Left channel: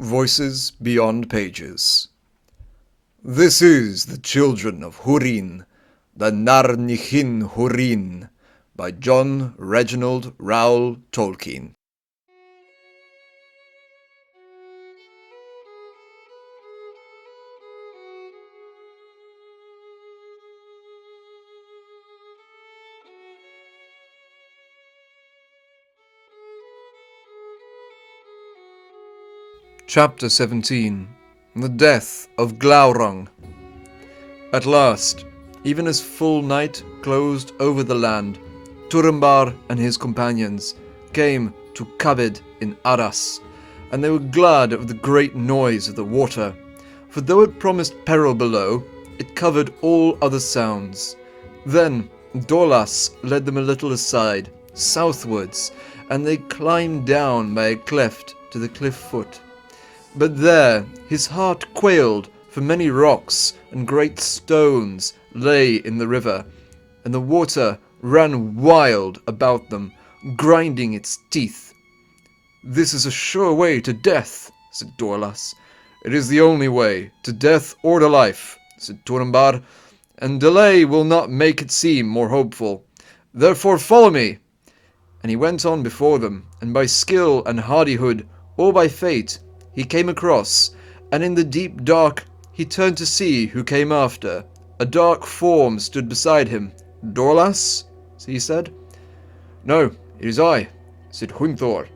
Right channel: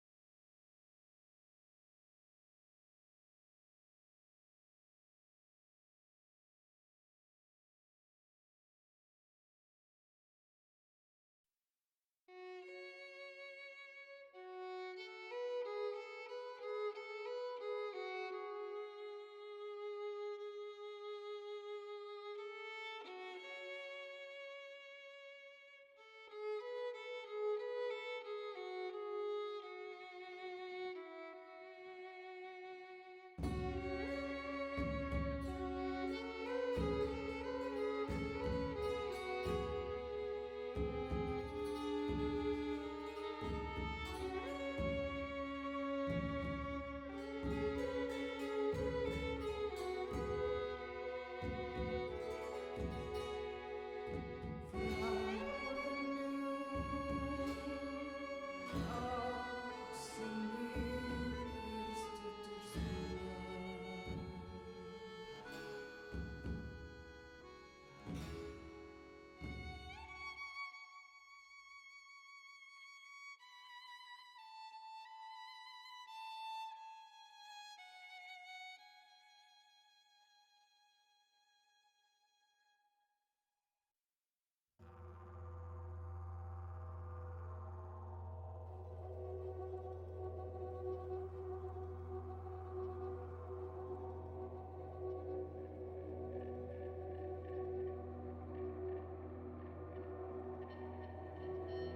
Voices Beyond Pages. This is The Children of Hurin, the Narnichin Hurin, by John Reginald Rowell Tolkien. Chapter 17. The Death of Glaurung. At last, even as full night closed over the land, Turambar and his companions came to Kabed in Arras, and they were glad of the great noise of the water, for though it promised peril below, it covered all other sounds. Then Dorlas led them a little aside, southwards, and they climbed down by a cleft to the cliff foot. But there his heart quailed, for many rocks and great stones lay in the river, and the water ran wild about them, grinding its teeth. "This is a sure way to death," said Dorlas. "It is the only way, to death or to life," said Turambar, "and delay will not make it seem more hopeful. Therefore follow me." And he went on before them, and by skill and hardihood, or by fate, he came across, and in the deep dark he turned to see who came after. A dark form stood beside him. "Dorlas?" he said. "No, it is I," said Hunther.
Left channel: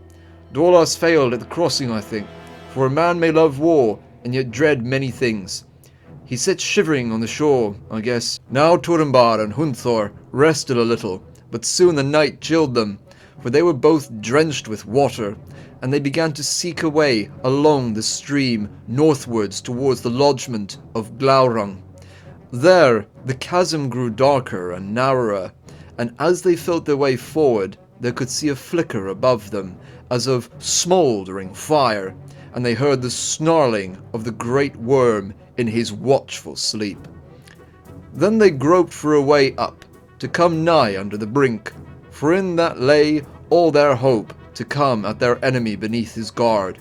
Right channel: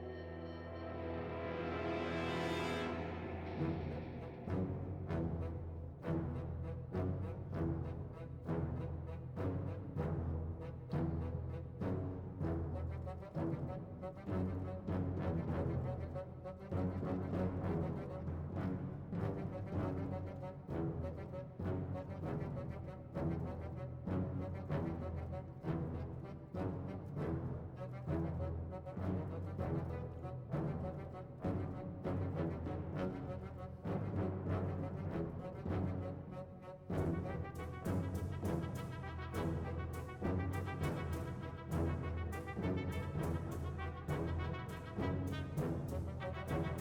"Dorlas failed at the crossing, I think, for a man may love war and yet dread many things. He sits shivering on the shore, I guess." Now Turambar and Hunther rested a little, but soon the night chilled them, for they were both drenched with water, and they began to seek a way along the stream northwards towards the lodgment of Glaurung. There the chasm grew darker and narrower, and as they felt their way forward, they could see a flicker above them, as of smouldering fire, and they heard the snarling of the great worm in his watchful sleep. Then they groped for a way up, to come nigh under the brink, for in that lay all their hope to come at their enemy beneath his guard.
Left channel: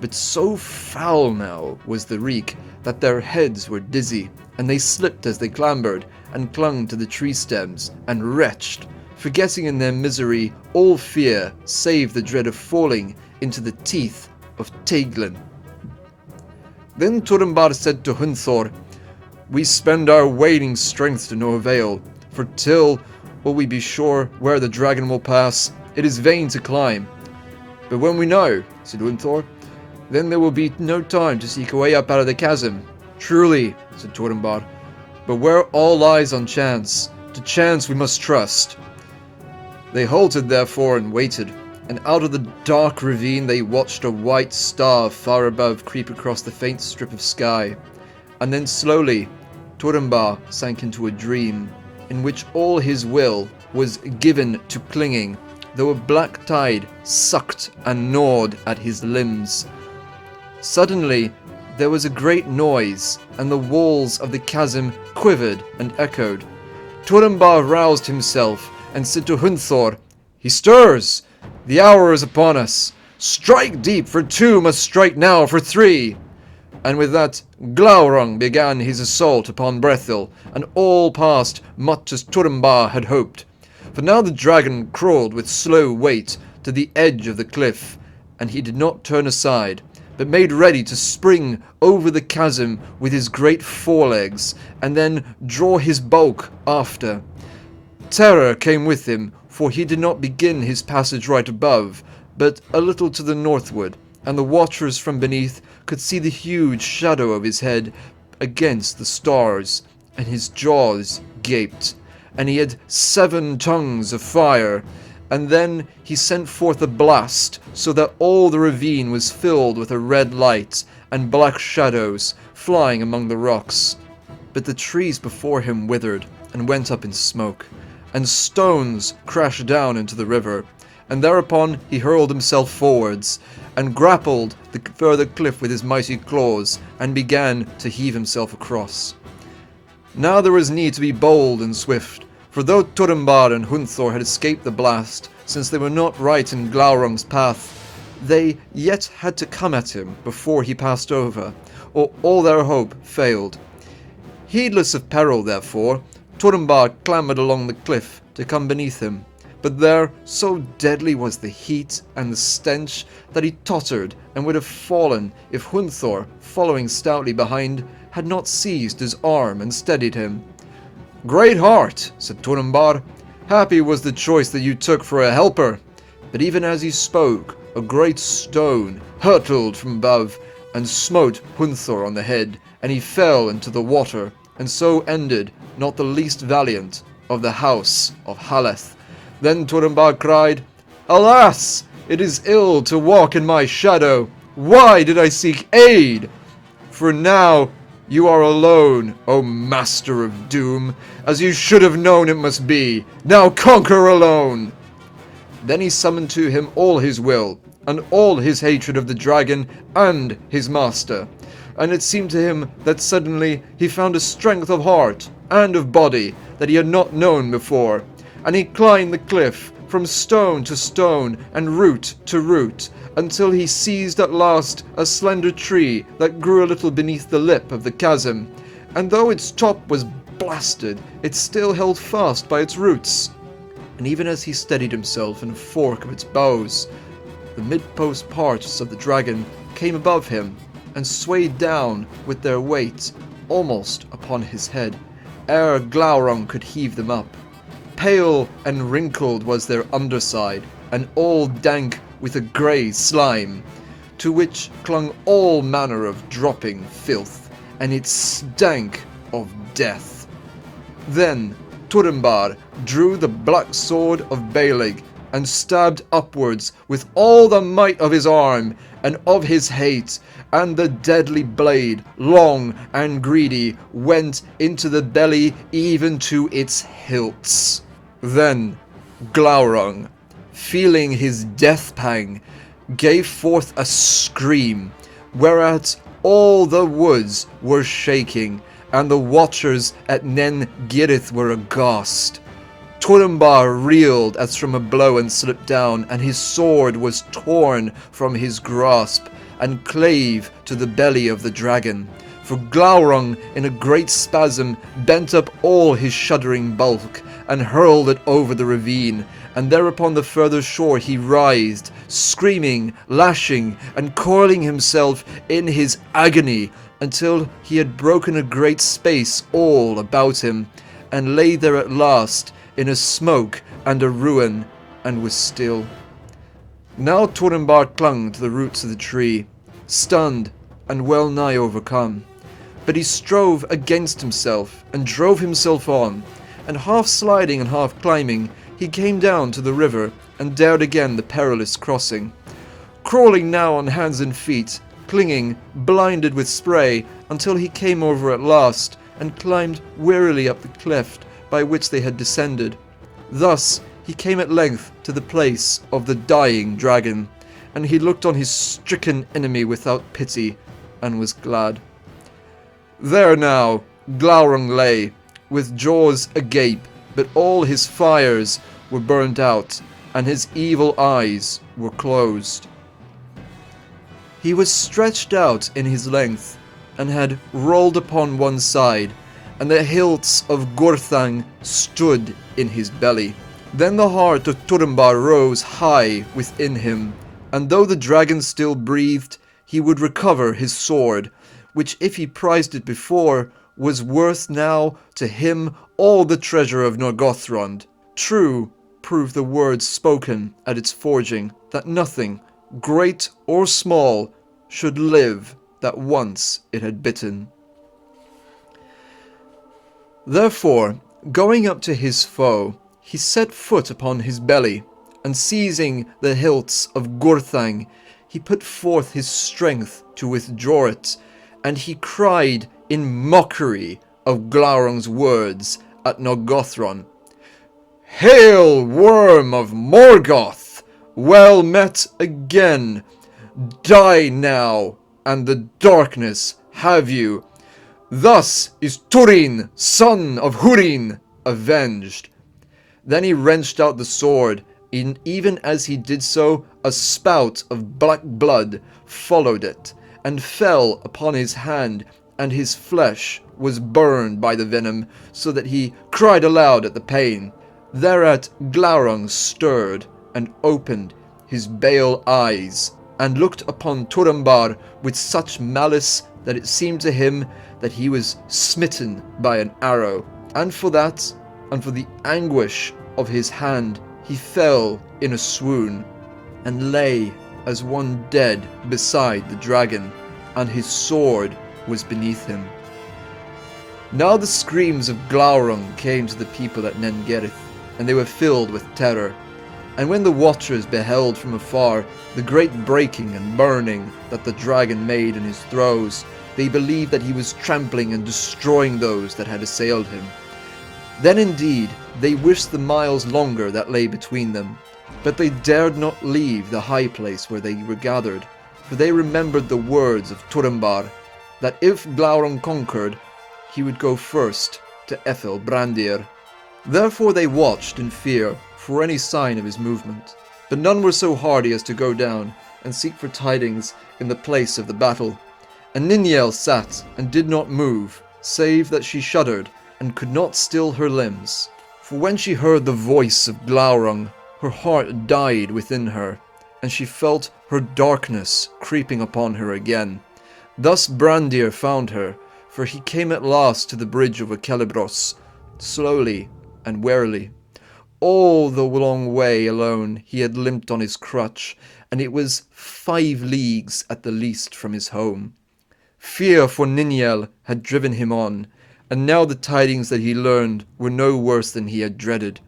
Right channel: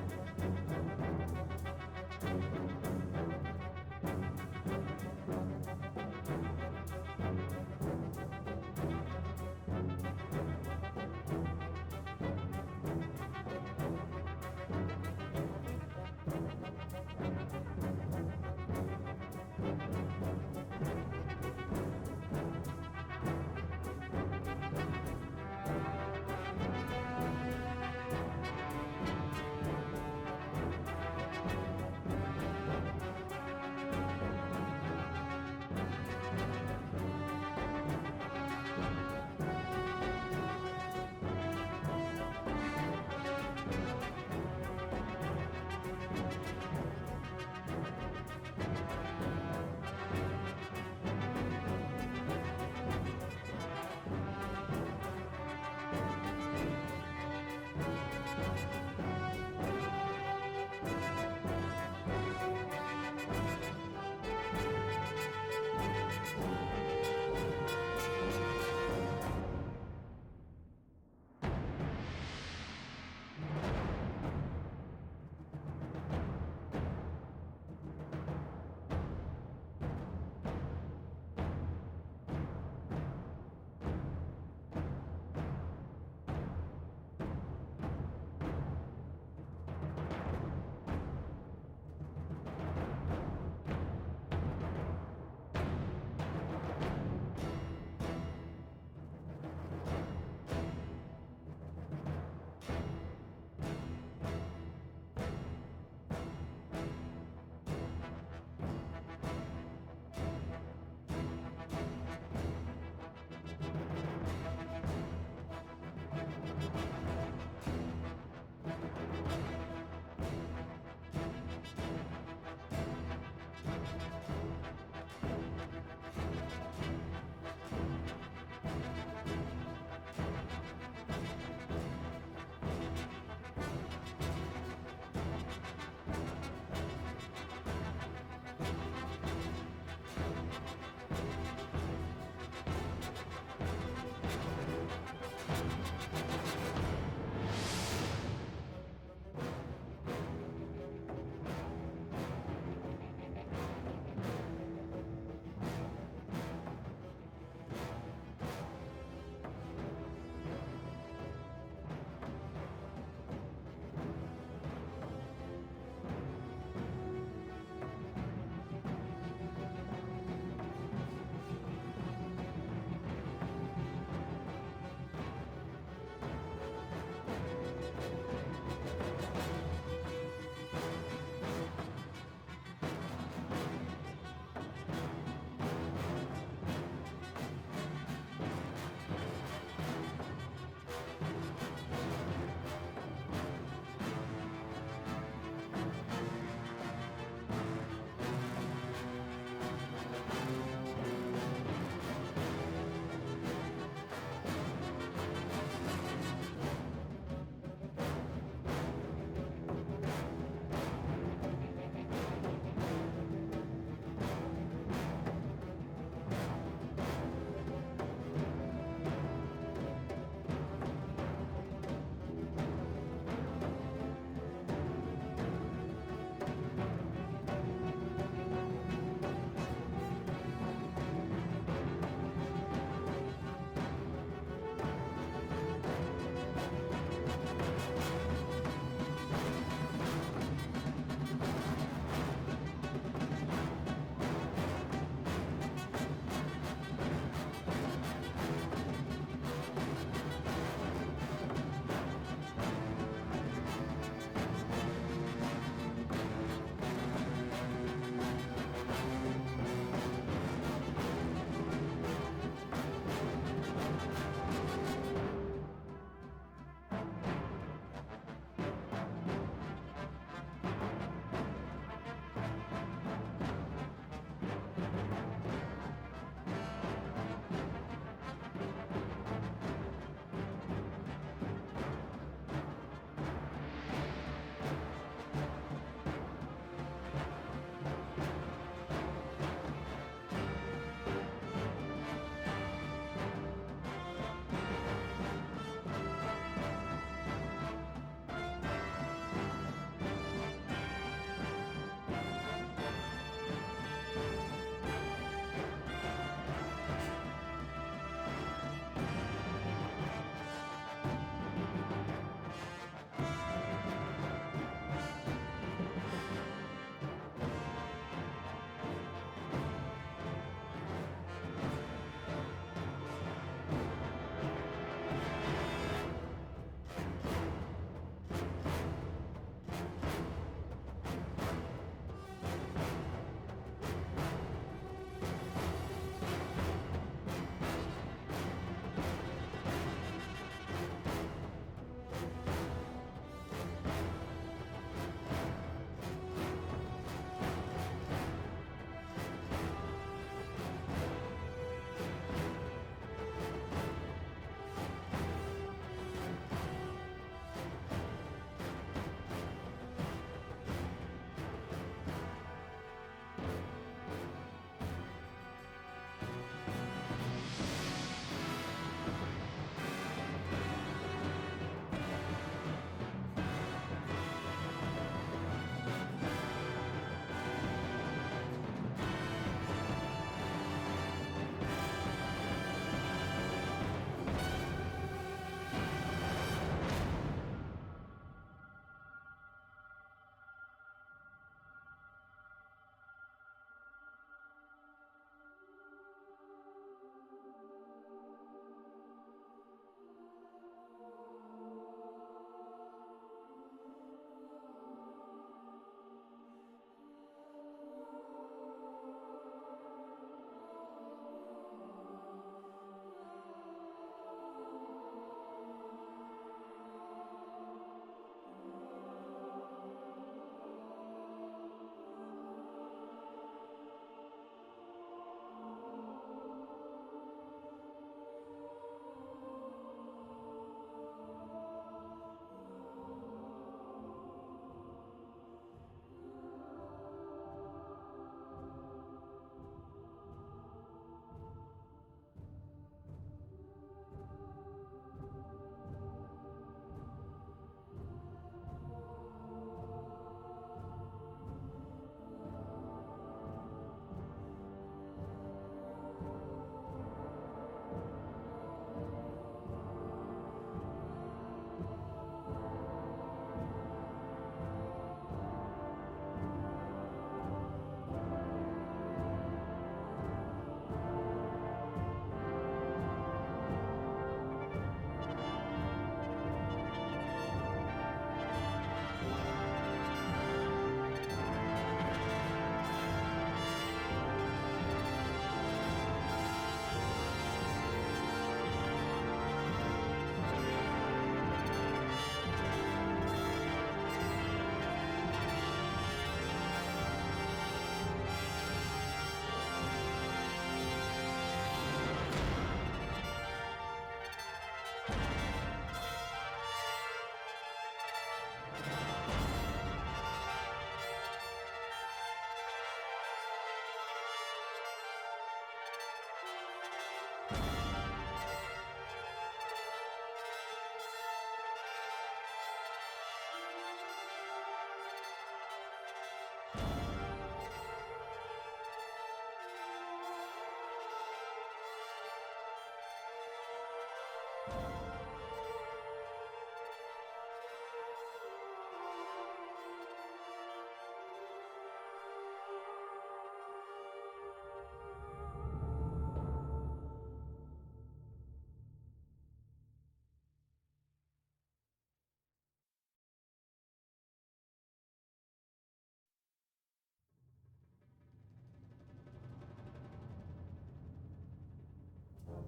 But so foul now was the reek that their heads were dizzy, and they slipped as they clambered, and clung to the tree stems, and retched, forgetting in their misery all fear save the dread of falling into the teeth of Teiglin. Then Turambar said to Hunther, "We spend our waning strength to no avail, for till we be sure where the dragon will pass, it is vain to climb." "But when we know," said Hunther, "then there will be no time to seek a way up out of the chasm." "Truly," said Turambar, "but where all lies on chance, to chance we must trust." They halted therefore and waited, and out of the dark ravine they watched a white star far above creep across the faint strip of sky, and then slowly Turambar sank into a dream, in which all his will was given to clinging, though a black tide sucked and gnawed at his limbs. Suddenly there was a great noise, and the walls of the chasm quivered and echoed. Turambar roused himself and said to Hunther, "He stirs! The hour is upon us! Strike deep, for two must strike now for three!" And with that, Glaurung began his assault upon Brethil, and all passed much as Turambar had hoped. For now the dragon crawled with slow weight to the edge of the cliff, and he did not turn aside, but made ready to spring over the chasm with his great forelegs, and then draw his bulk after. Terror came with him, for he did not begin his passage right above, but a little to the northward, and the watchers from beneath could see the huge shadow of his head against the stars, and his jaws gaped, and he had 7 tongues of fire. And then he sent forth a blast, so that all the ravine was filled with a red light, and black shadows flying among the rocks. But the trees before him withered, and went up in smoke, and stones crashed down into the river, and thereupon he hurled himself forwards, and grappled the further cliff with his mighty claws, and began to heave himself across. Now there was need to be bold and swift, for though Turambar and Hunther had escaped the blast, since they were not right in Glaurung's path, they yet had to come at him before he passed over, or all their hope failed. Heedless of peril, therefore, Turambar clambered along the cliff to come beneath him, but there so deadly was the heat and the stench that he tottered and would have fallen if Hunthor, following stoutly behind, had not seized his arm and steadied him. "Great heart," said Turambar, "happy was the choice that you took for a helper." But even as he spoke, a great stone hurtled from above and smote Hunthor on the head, and he fell into the water, and so ended not the least valiant of the house of Haleth. Then Turambar cried, "Alas! It is ill to walk in my shadow. Why did I seek aid? For now you are alone, O Master of Doom, as you should have known it must be. Now conquer alone!" Then he summoned to him all his will, and all his hatred of the dragon and his master, and it seemed to him that suddenly he found a strength of heart and of body that he had not known before, and he climbed the cliff from stone to stone and root to root, until he seized at last a slender tree that grew a little beneath the lip of the chasm, and though its top was blasted, it still held fast by its roots. And even as he steadied himself in a fork of its boughs, the mid-post parts of the dragon came above him and swayed down with their weight almost upon his head, ere Glaurung could heave them up. Pale and wrinkled was their underside, and all dank with a grey slime, to which clung all manner of dropping filth, and it stank of death. Then Turambar drew the black sword of Baelig, and stabbed upwards with all the might of his arm and of his hate, and the deadly blade, long and greedy, went into the belly even to its hilts. Then Glaurung, feeling his death pang, gave forth a scream, whereat all the woods were shaking, and the watchers at Nen Girith were aghast. Turambar reeled as from a blow and slipped down, and his sword was torn from his grasp and clave to the belly of the dragon. For Glaurung, in a great spasm, bent up all his shuddering bulk and hurled it over the ravine, and there upon the further shore he writhed, screaming, lashing, and coiling himself in his agony, until he had broken a great space all about him, and lay there at last in a smoke and a ruin, and was still. Now Turambar clung to the roots of the tree, stunned and well nigh overcome. But he strove against himself, and drove himself on, and half sliding and half climbing, he came down to the river, and dared again the perilous crossing. Crawling now on hands and feet, clinging, blinded with spray, until he came over at last, and climbed wearily up the cleft by which they had descended. Thus he came at length to the place of the dying dragon, and he looked on his stricken enemy without pity, and was glad. There now Glaurung lay, with jaws agape, but all his fires were burnt out, and his evil eyes were closed. He was stretched out in his length, and had rolled upon one side, and the hilts of Gurthang stood in his belly. Then the heart of Turambar rose high within him, and though the dragon still breathed, he would recover his sword, which if he prized it before, was worth now to him all the treasure of Norgothrond. True proved the words spoken at its forging, that nothing, great or small, should live that once it had bitten. Therefore, going up to his foe, he set foot upon his belly, and seizing the hilts of Gurthang, he put forth his strength to withdraw it, and he cried in mockery of Glaurung's words at Norgothron, "Hail, worm of Morgoth! Well met again! Die now, and the darkness have you. Thus is Turin, son of Hurin, avenged." Then he wrenched out the sword, Even as he did so, a spout of black blood followed it, and fell upon his hand, and his flesh was burned by the venom, so that he cried aloud at the pain. Thereat Glaurung stirred, and opened his bale eyes, and looked upon Turambar with such malice that it seemed to him that he was smitten by an arrow. And for that, and for the anguish of his hand, he fell in a swoon, and lay as one dead beside the dragon, and his sword was beneath him. Now the screams of Glaurung came to the people at Nengerith, and they were filled with terror. And when the watchers beheld from afar the great breaking and burning that the dragon made in his throes, they believed that he was trampling and destroying those that had assailed him. Then indeed they wished the miles longer that lay between them, but they dared not leave the high place where they were gathered, for they remembered the words of Turambar, that if Glaurung conquered, he would go first to Ethel Brandir. Therefore they watched in fear for any sign of his movement, but none were so hardy as to go down and seek for tidings in the place of the battle. And Nienor sat and did not move, save that she shuddered and could not still her limbs. For when she heard the voice of Glaurung, her heart died within her, and she felt her darkness creeping upon her again. Thus Brandir found her, for he came at last to the bridge over Celebros, slowly and warily. All the long way alone he had limped on his crutch, and it was 5 leagues at the least from his home. Fear for Nienor had driven him on, and now the tidings that he learned were no worse than he had dreaded.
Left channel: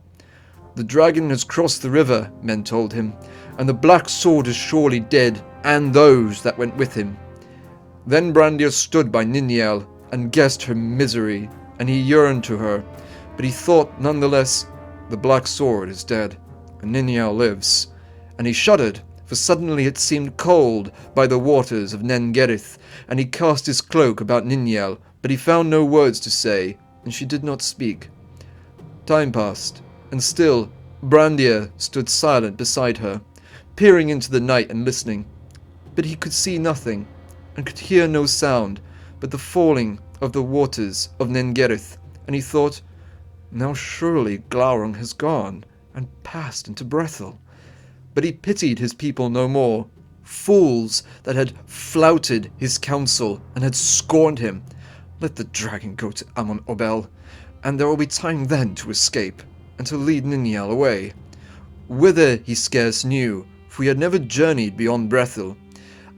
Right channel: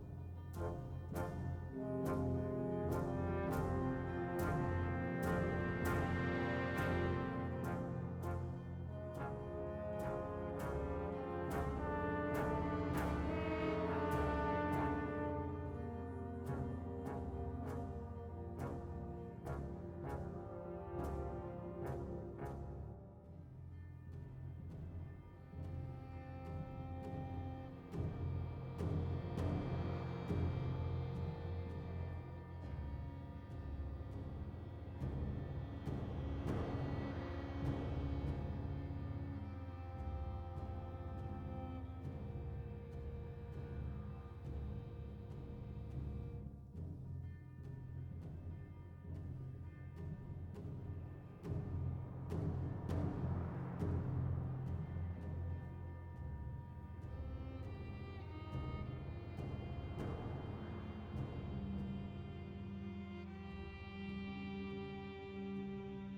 The dragon has crossed the river, men told him, and the black sword is surely dead, and those that went with him. Then Brandir stood by Nienor and guessed her misery, and he yearned to her, but he thought none the less, the black sword is dead, and Nienor lives. And he shuddered, for suddenly it seemed cold by the waters of Nengerith, and he cast his cloak about Nienor, but he found no words to say, and she did not speak. Time passed, and still Brandir stood silent beside her, peering into the night and listening. But he could see nothing, and could hear no sound but the falling of the waters of Nengerith, and he thought, now surely Glaurung has gone, and passed into Brethil. But he pitied his people no more, fools that had flouted his counsel and had scorned him. Let the dragon go to Amon Obel, and there will be time then to escape, and to lead Nienor away. Whither he scarce knew, for he had never journeyed beyond Brethil.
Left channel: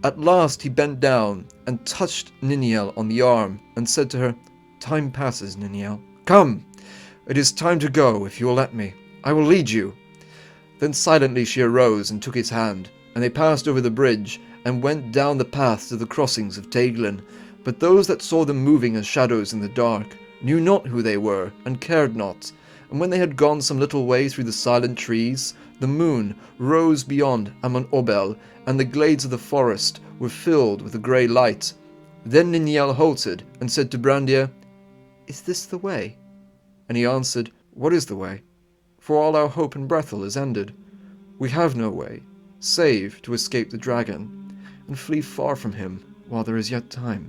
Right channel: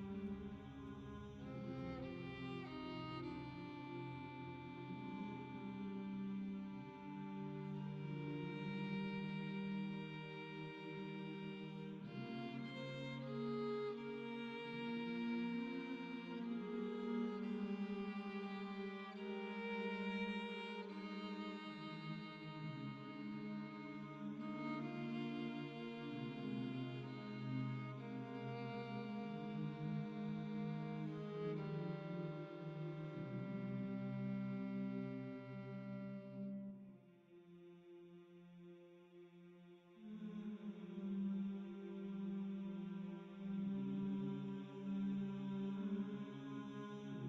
At last he bent down and touched Nienor on the arm, and said to her, Time passes, Nienor. Come! It is time to go, if you will let me. I will lead you. Then silently she arose and took his hand, and they passed over the bridge, and went down the path to the crossings of Teiglen. But those that saw them moving as shadows in the dark knew not who they were, and cared not. And when they had gone some little way through the silent trees, the moon rose beyond Amon Obel, and the glades of the forest were filled with a grey light. Then Nienor halted, and said to Brandir, Is this the way? And he answered, What is the way? For all our hope in Brethil is ended. We have no way, save to escape the dragon, and flee far from him while there is yet time.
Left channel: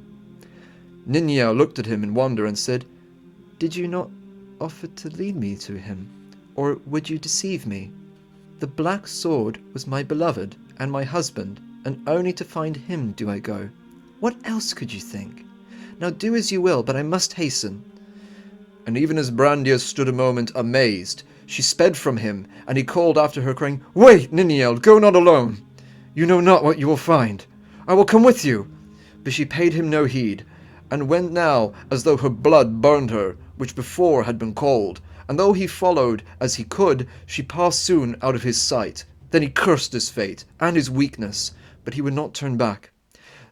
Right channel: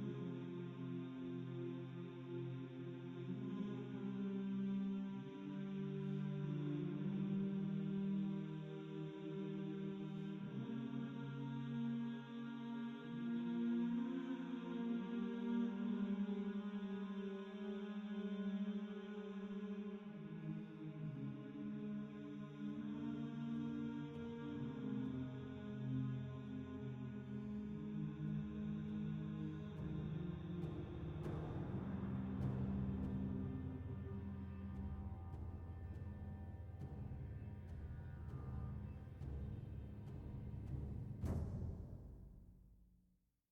Nienor looked at him in wonder and said, Did you not offer to lead me to him, or would you deceive me? The black sword was my beloved and my husband, and only to find him do I go. What else could you think? Now do as you will, but I must hasten. And even as Brandir stood a moment amazed, she sped from him, and he called after her, crying, Wait, Nienor, go not alone. You know not what you will find. I will come with you. But she paid him no heed, and went now as though her blood burned her, which before had been cold. And though he followed as he could, she passed soon out of his sight. Then he cursed his fate and his weakness, but he would not turn back.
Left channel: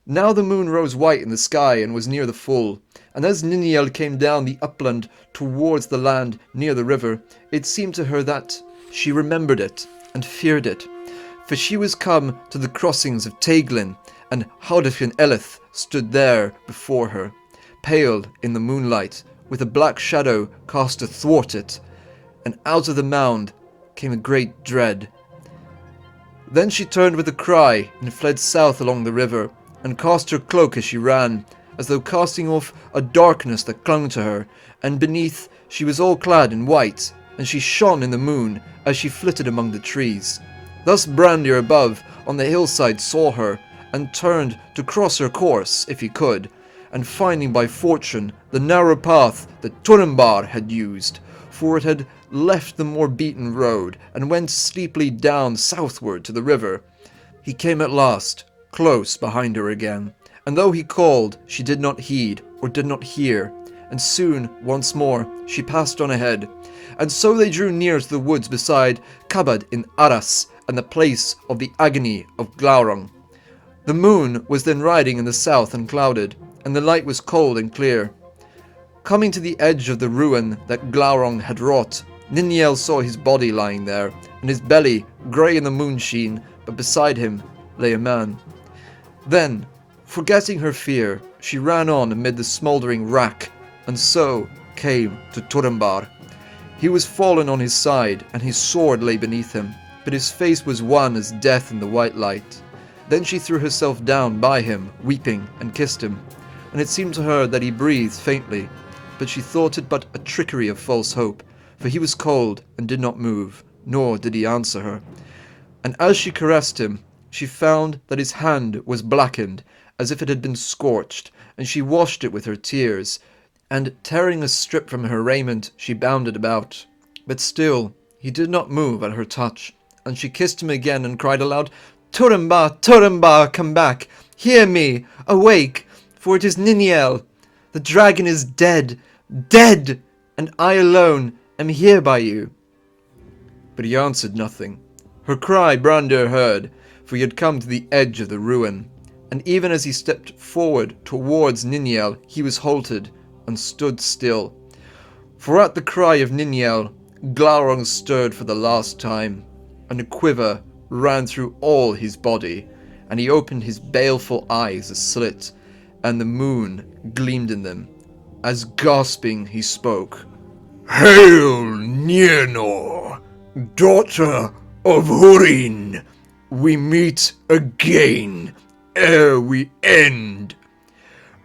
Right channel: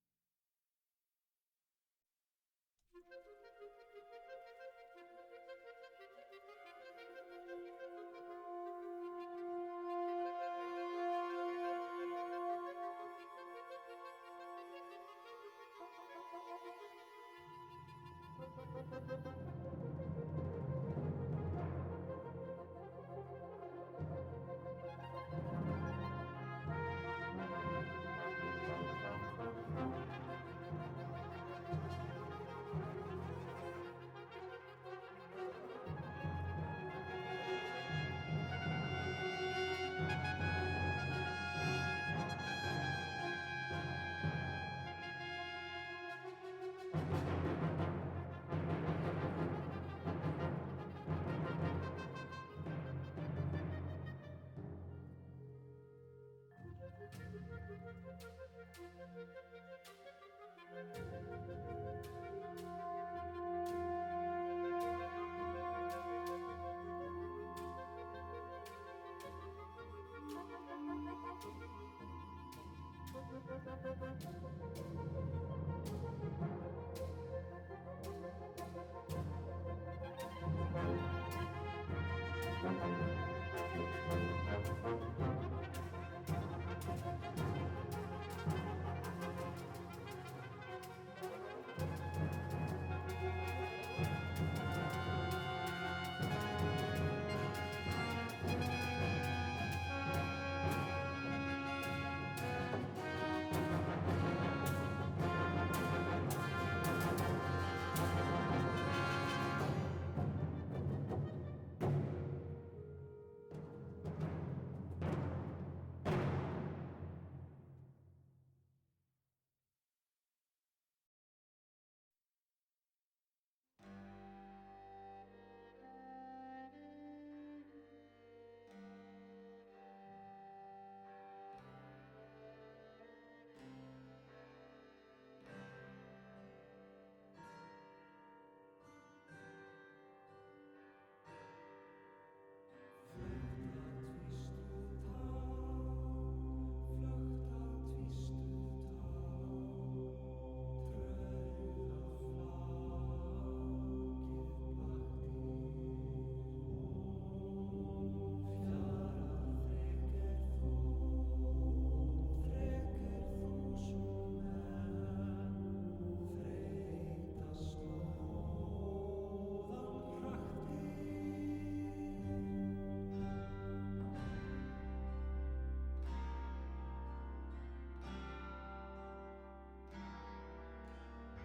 Now the moon rose white in the sky and was near the full, and as Nienor came down the upland towards the land near the river, it seemed to her that she remembered it and feared it. For she was come to the crossings of Teiglen, and Haudafin Eleth stood there before her, pale in the moonlight, with a black shadow cast athwart it, and out of the mound came a great dread, Then she turned with a cry and fled south along the river, and cast her cloak as she ran, as though casting off a darkness that clung to her, and beneath she was all clad in white, and she shone in the moon as she flitted among the trees. Thus Brandir above on the hillside saw her, and turned to cross her course if he could, and finding by fortune the narrow path that Turambar had used, for it had left the more beaten road, and went steeply down southward to the river, he came at last close behind her again, and though he called, she did not heed or did not hear, and soon once more she passed on ahead, and so they drew near to the woods beside Kabad in Arras, and the place of the agony of Glaurung. The moon was then riding in the south unclouded, and the light was cold and clear. Coming to the edge of the ruin that Glaurung had wrought, Nienor saw his body lying there, and his belly grey in the moonsheen, but beside him lay a man. Then, forgetting her fear, she ran on amid the smouldering wrack, and so came to Turambar. He was fallen on his side, and his sword lay beneath him, but his face was wan as death in the white light. Then she threw herself down by him, weeping, and kissed him, and it seemed to her that he breathed faintly, but she thought it but a trickery of false hope, for he was cold and did not move, nor did he answer her. And as she caressed him, she found that his hand was blackened, as if it had been scorched, and she washed it with her tears, and tearing a strip from her raiment, she bound it about. But still he did not move at her touch, and she kissed him again and cried aloud, "Turambar, Turambar, come back! Hear me! Awake! For it is Nienor! The dragon is dead! Dead! And I alone am here by you." But he answered nothing. Her cry Brandir heard, for he had come to the edge of the ruin, and even as he stepped forward towards Nienor, he was halted and stood still. For at the cry of Nienor, Glaurung stirred for the last time, and a quiver ran through all his body, and he opened his baleful eyes a slit, and the moon gleamed in them, as gasping he spoke. "Hail, Nienor, daughter of Hurin! We meet again ere we end.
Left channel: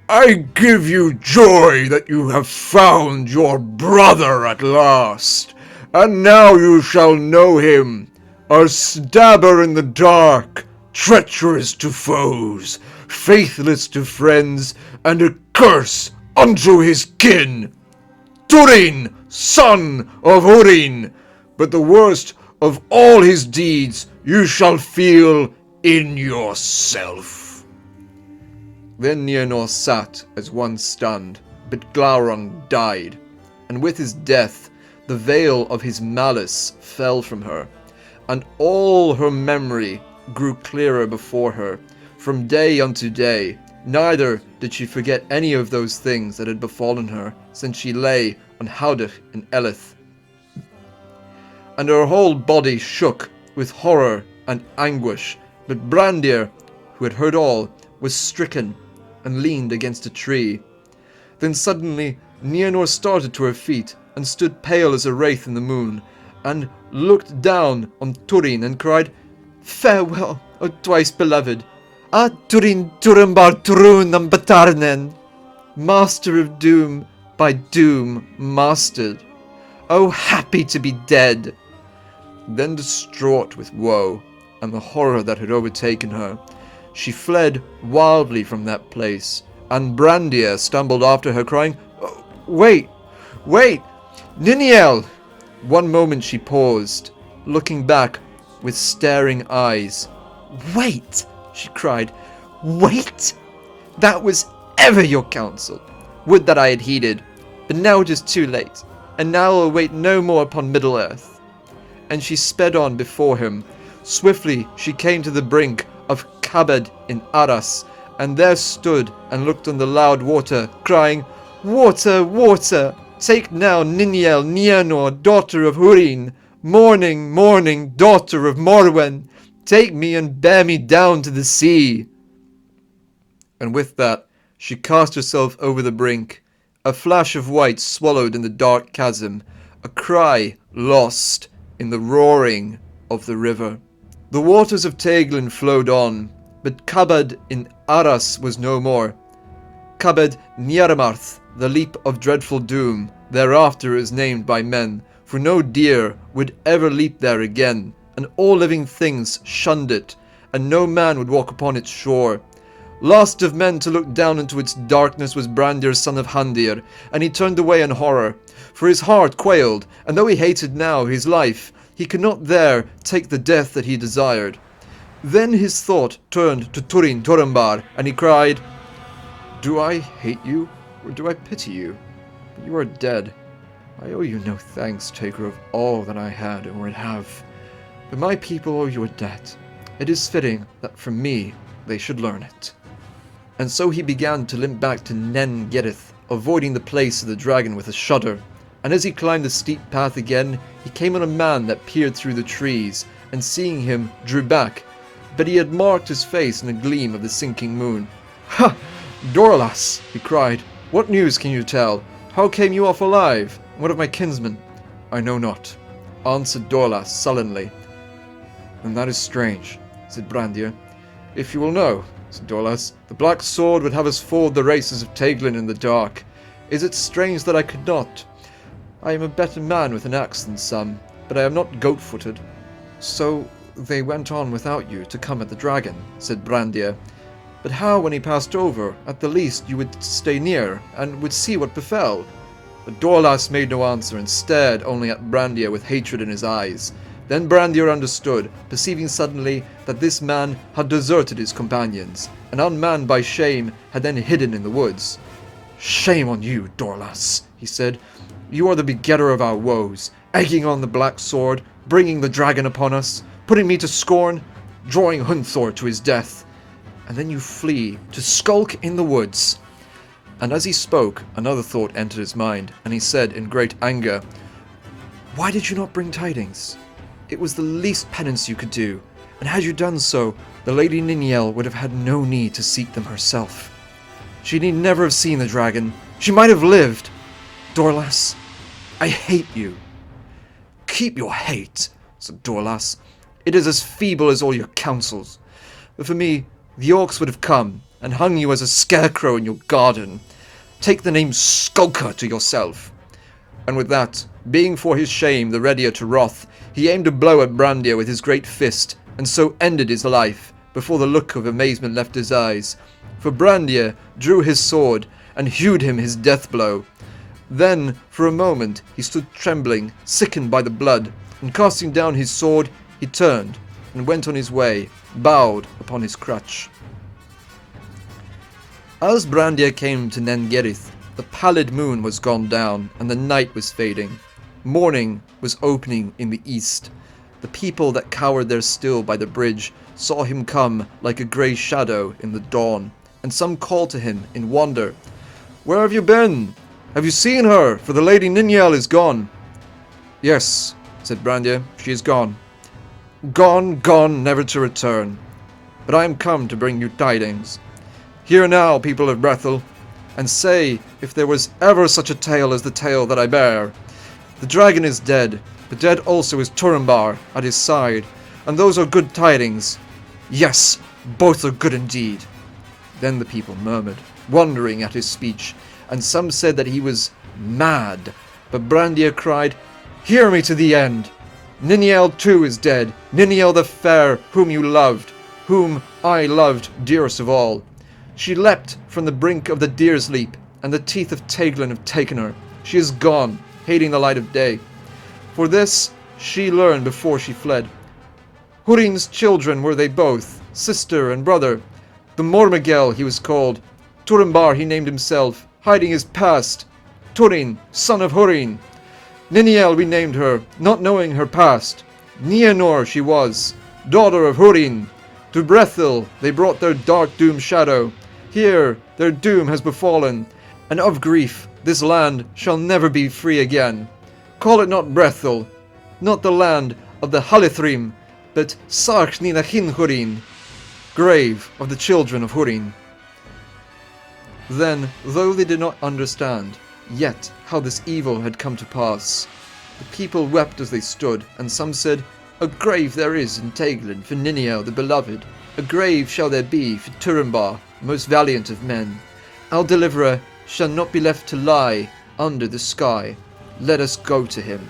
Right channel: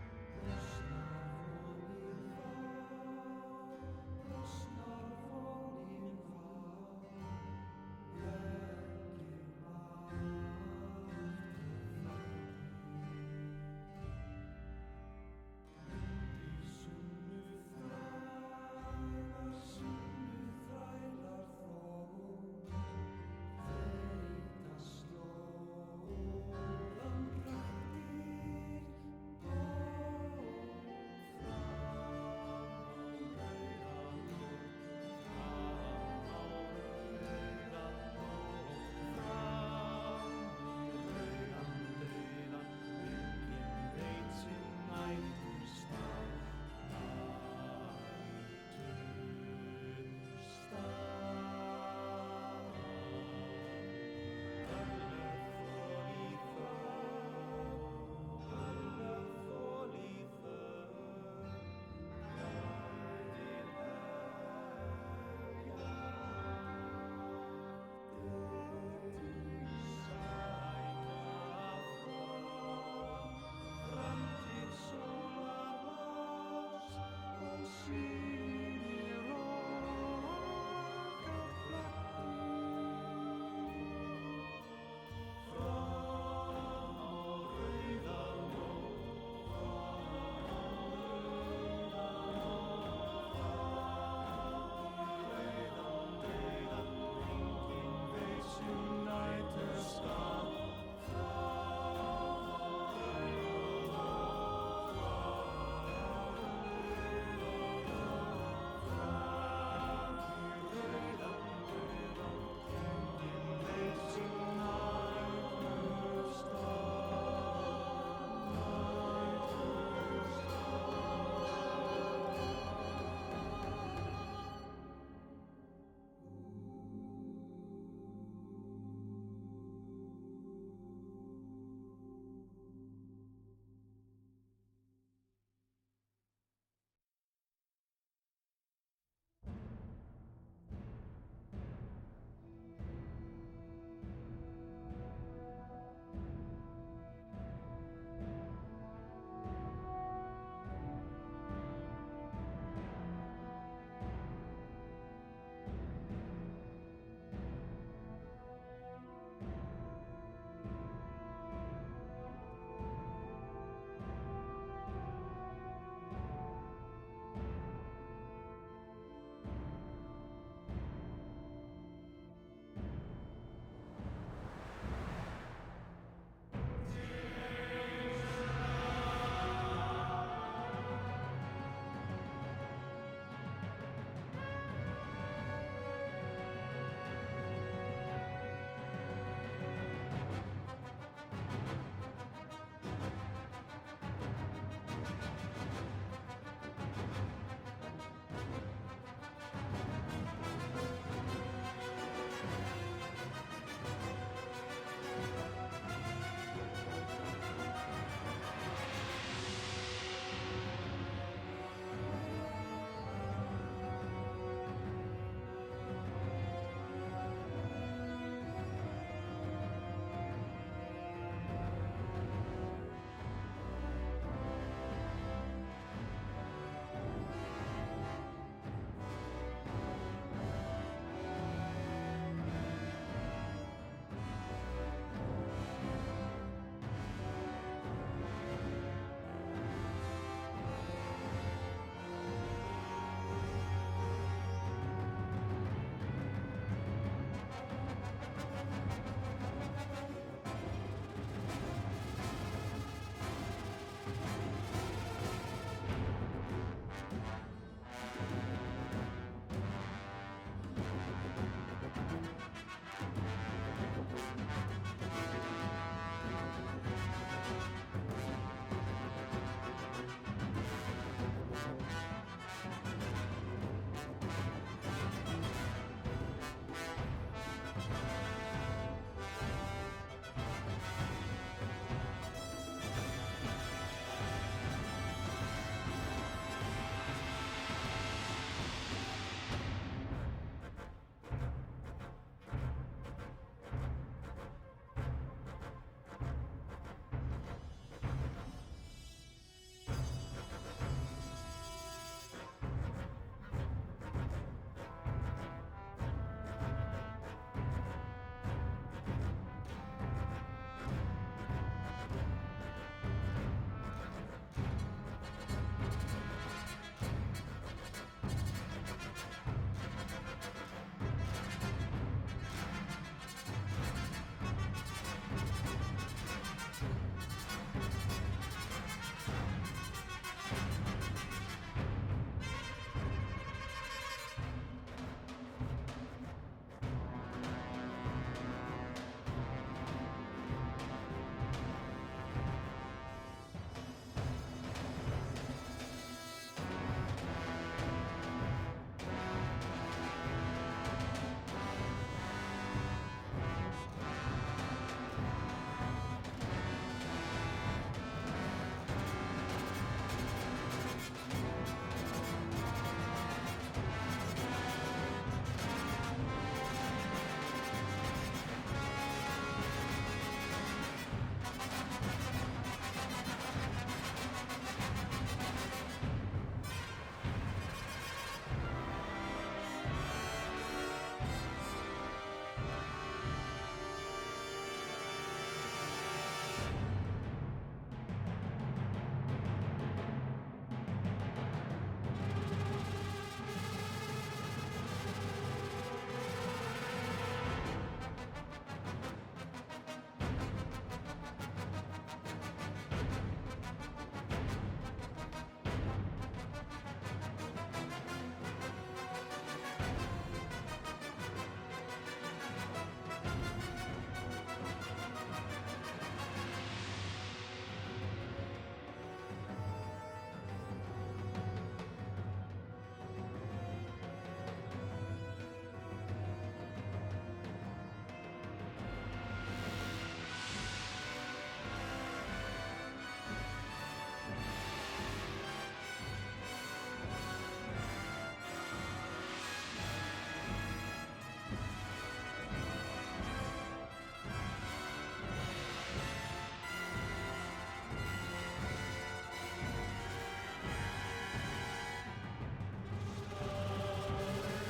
I give you joy that you have found your brother at last, and now you shall know him, a stabber in the dark, treacherous to foes, faithless to friends, and a curse unto his kin. Turin, son of Hurin, but the worst of all his deeds you shall feel in yourself." Then Nienor sat as one stunned, but Glaurung died, and with his death the veil of his malice fell from her, and all her memory grew clearer before her, from day unto day. Neither did she forget any of those things that had befallen her since she lay on Howdach in Elith. And her whole body shook with horror and anguish, but Brandir, who had heard all, was stricken and leaned against a tree. Then suddenly Nienor started to her feet and stood pale as a wraith in the moon, and looked down on Turin and cried, "Farewell, O twice beloved! Ah, Turin, Turambar, Turun, Batarnen! Master of doom, by doom mastered! Oh, happy to be dead!" Then, distraught with woe and the horror that had overtaken her, she fled wildly from that place, and Brandir stumbled after her, crying, "Oh, wait, wait, Nienor!" One moment she paused, looking back with staring eyes. "Wait!" she cried. "Wait! That was ever your counsel. Would that I had heeded, but now it is too late, and now I will wait no more upon Middle-earth." And she sped on before him. Swiftly she came to the brink of Kabad in Arras, and there stood and looked on the loud water, crying, "Water, water! Take now Nienor, Nienor, daughter of Hurin, mourning, mourning, daughter of Morwen. Take me and bear me down to the sea." And with that she cast herself over the brink, a flash of white swallowed in the dark chasm, a cry lost in the roaring of the river. The waters of Teglin flowed on, but Kabad in Aras was no more. Kabad Niarmarth, the leap of dreadful doom, thereafter is named by men, for no deer would ever leap there again, and all living things shunned it, and no man would walk upon its shore. Last of men to look down into its darkness was Brandir son of Handir, and he turned away in horror, for his heart quailed, and though he hated now his life, he could not there take the death that he desired. Then his thought turned to Turambar, and he cried, "Do I hate you, or do I pity you? You are dead. I owe you no thanks, taker of all that I had or would have. But my people owe you a debt. It is fitting that from me they should learn it." And so he began to limp back to Nen Gedith, avoiding the place of the dragon with a shudder. And as he climbed the steep path again, he came on a man that peered through the trees, and seeing him, drew back. But he had marked his face in a gleam of the sinking moon. "Ha! Dorlas!" he cried. "What news can you tell? How came you off alive? What of my kinsmen?" "I know not," answered Dorlas sullenly. "And that is strange," said Brandir. "If you will know," said Dorlas, "the black sword would have us ford the races of Teglin in the dark. Is it strange that I could not? I am a better man with an axe than some, but I am not goat-footed." "So they went on without you to come at the dragon," said Brandir. "But how, when he passed over, at the least you would stay near, and would see what befell?" But Dorlas made no answer, and stared only at Brandir with hatred in his eyes. Then Brandir understood, perceiving suddenly that this man had deserted his companions, and unmanned by shame had then hidden in the woods. "Shame on you, Dorlas," he said. "You are the begetter of our woes, egging on the black sword, bringing the dragon upon us, putting me to scorn, drawing Hunthor to his death. And then you flee to skulk in the woods." And as he spoke, another thought entered his mind, and he said in great anger, "Why did you not bring tidings? It was the least penance you could do, and had you done so, the Lady Nienor would have had no need to seek them herself. She need never have seen the dragon. She might have lived. Dorlas, I hate you." "Keep your hate," said Dorlas. "It is as feeble as all your counsels. But for me, the orcs would have come and hung you as a scarecrow in your garden. Take the name Skulker to yourself." And with that, being for his shame the readier to wrath, he aimed a blow at Brandir with his great fist, and so ended his life, before the look of amazement left his eyes. For Brandir drew his sword, and hewed him his death blow. Then, for a moment, he stood trembling, sickened by the blood, and casting down his sword, he turned, and went on his way, bowed upon his crutch. As Brandir came to Nen Gedith, the pallid moon was gone down, and the night was fading. Morning was opening in the east. The people that cowered there still by the bridge saw him come like a grey shadow in the dawn, and some called to him in wonder, "Where have you been? Have you seen her? For the Lady Nienor is gone." "Yes," said Brandir, "she is gone. Gone, gone, never to return. But I am come to bring you tidings. Hear now, people of Brethil, and say if there was ever such a tale as the tale that I bear. The dragon is dead, but dead also is Turambar at his side, and those are good tidings. Yes, both are good indeed." Then the people murmured, wondering at his speech, and some said that he was mad. But Brandir cried, "Hear me to the end. Nienor too is dead, Nienor the fair, whom you loved, whom I loved dearest of all. She leapt from the brink of the Deer's Leap, and the teeth of Teglin have taken her. She is gone, hating the light of day. For this she learned before she fled. Hurin's children were they both, sister and brother. The Mormegel he was called, Turambar he named himself, hiding his past. Turin, son of Hurin. Nienor we named her, not knowing her past. Nienor she was, daughter of Hurin. To Brethil they brought their dark doom shadow. Here their doom has befallen, and of grief this land shall never be free again. Call it not Brethil, not the land of the Halithrim, but Sarch Ninachin Hurin, grave of the children of Hurin." Then, though they did not understand yet how this evil had come to pass, the people wept as they stood, and some said, A grave there is in Teglin for Nienor the beloved. A grave shall there be for Turambar, most valiant of men. Our deliverer shall not be left to lie under the sky. Let us go to him.